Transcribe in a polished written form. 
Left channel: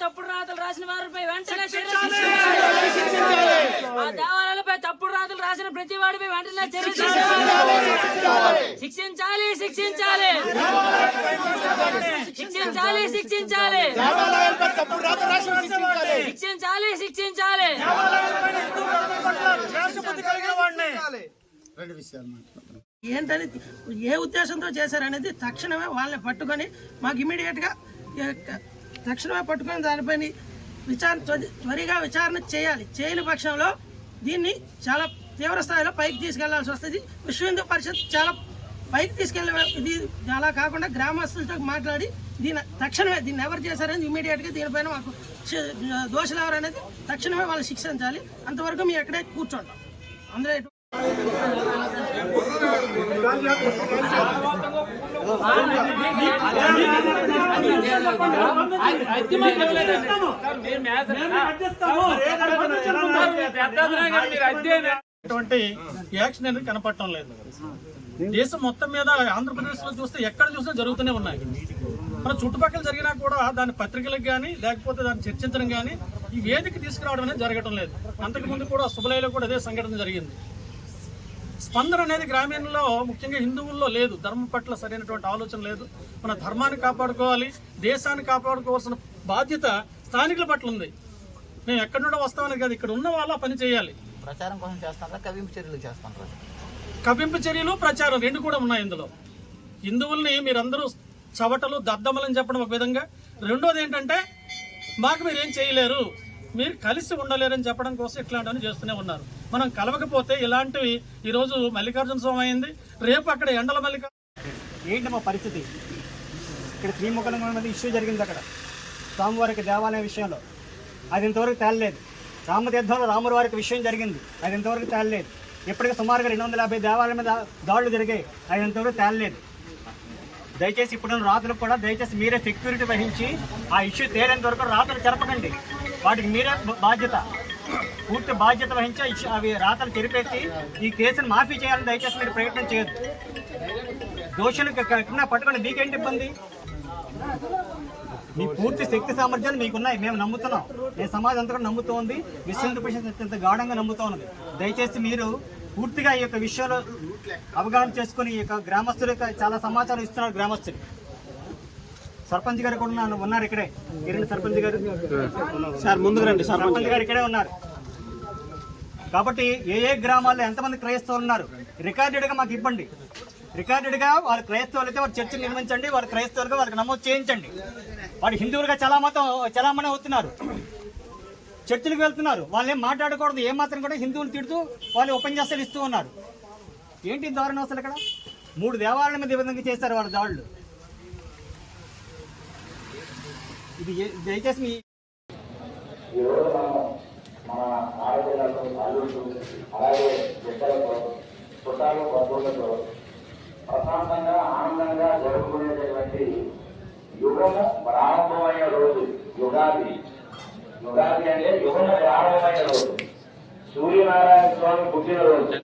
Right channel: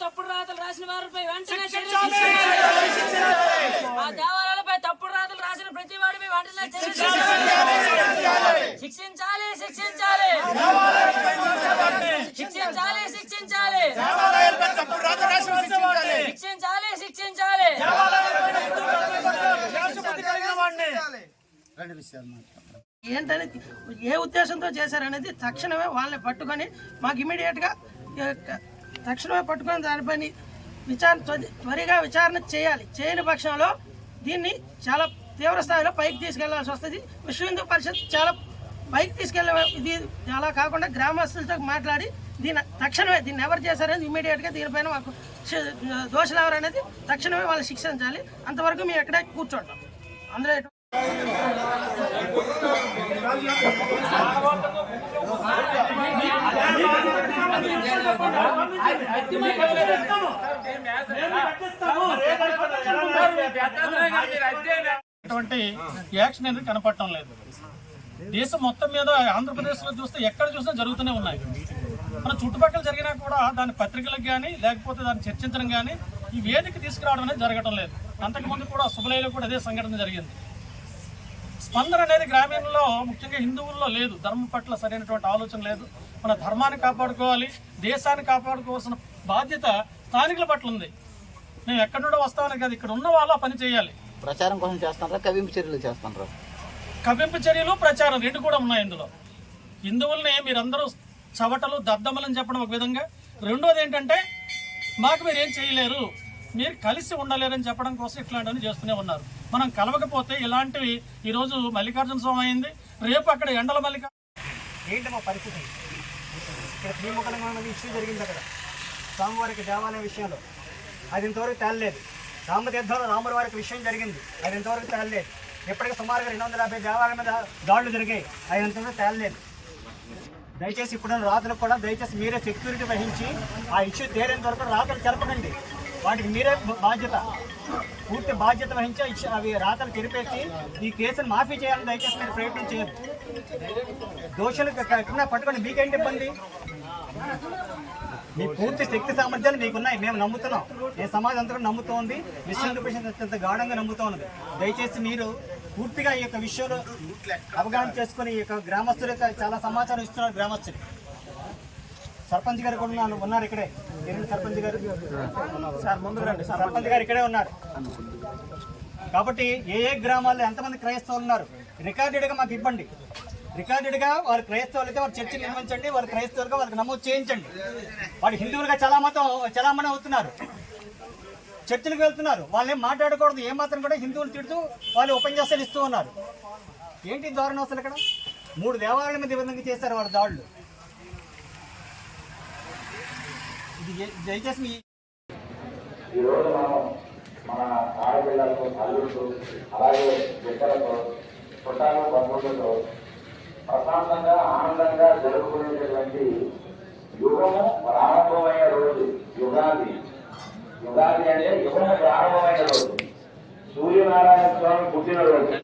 తప్పుడు రాతలు రాసిన వారిపై వెంటనే దేవాలయాలపై తప్పుడు రాతలు రాసిన ప్రతి వాడిపై వెంటనే శిక్షించాలి శిక్షించాలి శిక్షించాలి శిక్షించాలి శిక్షించాలి శిక్షించాలి ఏంటని ఏ ఉద్దేశంతో చేశారనేది తక్షణమే వాళ్ళని పట్టుకొని మాకు ఇమీడియట్గా తక్షణమే పట్టుకొని దానిపైన త్వరగా విచారణ చేయాలి. చేయని పక్షంలో దీన్ని చాలా తీవ్ర స్థాయిలో పైకి తీసుకెళ్లాల్సి వస్తుంది. విశ్వ హిందూ పరిషత్ చాలా పైకి తీసుకెళ్ళే ఇది అలా కాకుండా గ్రామస్తులతో మాట్లాడి తక్షణమే దీన్ని ఎవరు చేశారనేది ఇమీడియట్గా దీనిపైన మాకు దోషులు ఎవరు అనేది తక్షణమే వాళ్ళు శిక్షించాలి. అంతవరకు మేము ఎక్కడే కూర్చోంటాం. అందులో ఇటువంటి యాక్షన్ అనేది కనపడటం లేదు. దేశం మొత్తం మీద ఆంధ్రప్రదేశ్ లో చూస్తే ఎక్కడ చూసినా జరుగుతూనే ఉన్నాయి. మన చుట్టుపక్కల జరిగినా కూడా దాని పత్రికలకు కానీ లేకపోతే దాన్ని చర్చించడం కానీ ఈ వేదిక తీసుకురావడం అనేది జరగటం లేదు. అంతకుముందు కూడా శుభలయలో కూడా అదే సంఘటన జరిగింది. స్పందన అనేది గ్రామీణంలో ముఖ్యంగా హిందువుల్లో లేదు. ధర్మం పట్ల సరైనటువంటి ఆలోచన లేదు. మన ధర్మాన్ని కాపాడుకోవాలి, దేశాన్ని కాపాడుకోవాల్సిన బాధ్యత స్థానికుల పట్ల ఉంది. మేము ఎక్కడి నుండో వస్తామని కాదు, ఇక్కడ ఉన్న వాళ్ళు ఆ పని చేయాలి. ప్రచారం కోసం చేస్తారా, కవ్వింపు చర్యలు చేస్తారా? కవ్వింపు చర్యలు, ప్రచారం రెండు కూడా ఉన్నాయి ఇందులో. హిందువుల్ని మీరందరూ చవటలు దద్దమ్మలని చెప్పడం ఒక విధంగా, రెండోది ఏంటంటే మాకు మీరు ఏం చేయలేరు, మీరు కలిసి ఉండలేరని చెప్పడం కోసం ఇట్లాంటివన్నీ చేస్తూనే ఉన్నారు. మనం కలవకపోతే ఇలాంటివి ఈరోజు మల్లికార్జున స్వామి అయింది, రేపు అక్కడ ఎండల ఏంటి మా పరిస్థితి? ఇక్కడ శ్రీముఖలింగం ఇష్యూ జరిగింది అక్కడ స్వామివారికి దేవాలయ విషయంలో, అది ఇంతవరకు తేలలేదు. రామతీర్థంలో రాముల వారికి విషయం జరిగింది, అది ఇంతవరకు తేలలేదు. ఇప్పటికీ సుమారుగా 250 దేవాలయాల మీద దాడులు జరిగాయి, అది ఇంతవరకు తేలలేదు. దయచేసి ఇప్పుడు రాతలకు కూడా దయచేసి మీరే సెక్యూరిటీ వహించి ఆ ఇష్యూ తేలేంత వరకు రాతలు జరపకండి. వాటికి మీరే బాధ్యత, పూర్తి బాధ్యత వహించి అవి రాతలు తెరిపేసి ఈ కేసును మాఫీ చేయాలని దయచేసి మీరు ప్రయత్నం చేయొద్దు. దోషులు ఎక్కడన్నా పట్టుకొని మీకేంటి ఇబ్బంది? మీ పూర్తి శక్తి సామర్థ్యాలు మీకున్నాయి, మేము నమ్ముతున్నాం. ఏ సమాజం అంతా కూడా నమ్ముతూ ఉంది, విశ్వ హిందూ పరిషత్ అత్యంత గాఢంగా నమ్ముతూ ఉన్నది. దయచేసి మీరు పూర్తిగా ఈ యొక్క విషయాలు అవగాహన చేసుకుని ఈ యొక్క గ్రామస్తులు చాలా సమాచారం ఇస్తున్నారు. గ్రామస్తులు సర్పంచ్ గారు కూడా ఉన్నారు ఇక్కడే. సర్పంచ్ గారు సర్పంచ్ గారు ఇక్కడే ఉన్నారు. కాబట్టి ఏ గ్రామాల్లో ఎంతమంది క్రైస్తవులు ఉన్నారు రికార్డెడ్గా మాకు ఇవ్వండి. రికార్డెడ్గా వారు క్రైస్తవులు అయితే వారు చర్చలు నిర్మించండి, వారు క్రైస్తవులుగా వాళ్ళకి నమోదు చేయించండి. వారు హిందువులుగా చలామణి అవుతున్నారు, చర్చలకు వెళ్తున్నారు. వాళ్ళు ఏం మాట్లాడకూడదు, ఏమాత్రం కూడా హిందువులు తిడుతూ వాళ్ళు ఉపన్యాసాలు ఇస్తూ ఉన్నారు. ఏంటి దారుణం అసలు? ఇక్కడ 3 దేవాలయాల మీద ఈ విధంగా చేశారు వాళ్ళ దాడులు. ఇది దయచేసి ఈరోజు మనం మన ఆడపిల్లలతో, అల్లులతో, అలాగే బిడ్డలతో, చుట్టాలు, బంధువులతో ప్రశాంతంగా ఆనందంగా జరుపుకునేటటువంటి యుగము ప్రారంభమైన రోజు యుగాది. యుగాది అంటే యుగము ప్రారంభమైన రోజు, సూర్యనారాయణ స్వామి పుట్టినరోజు.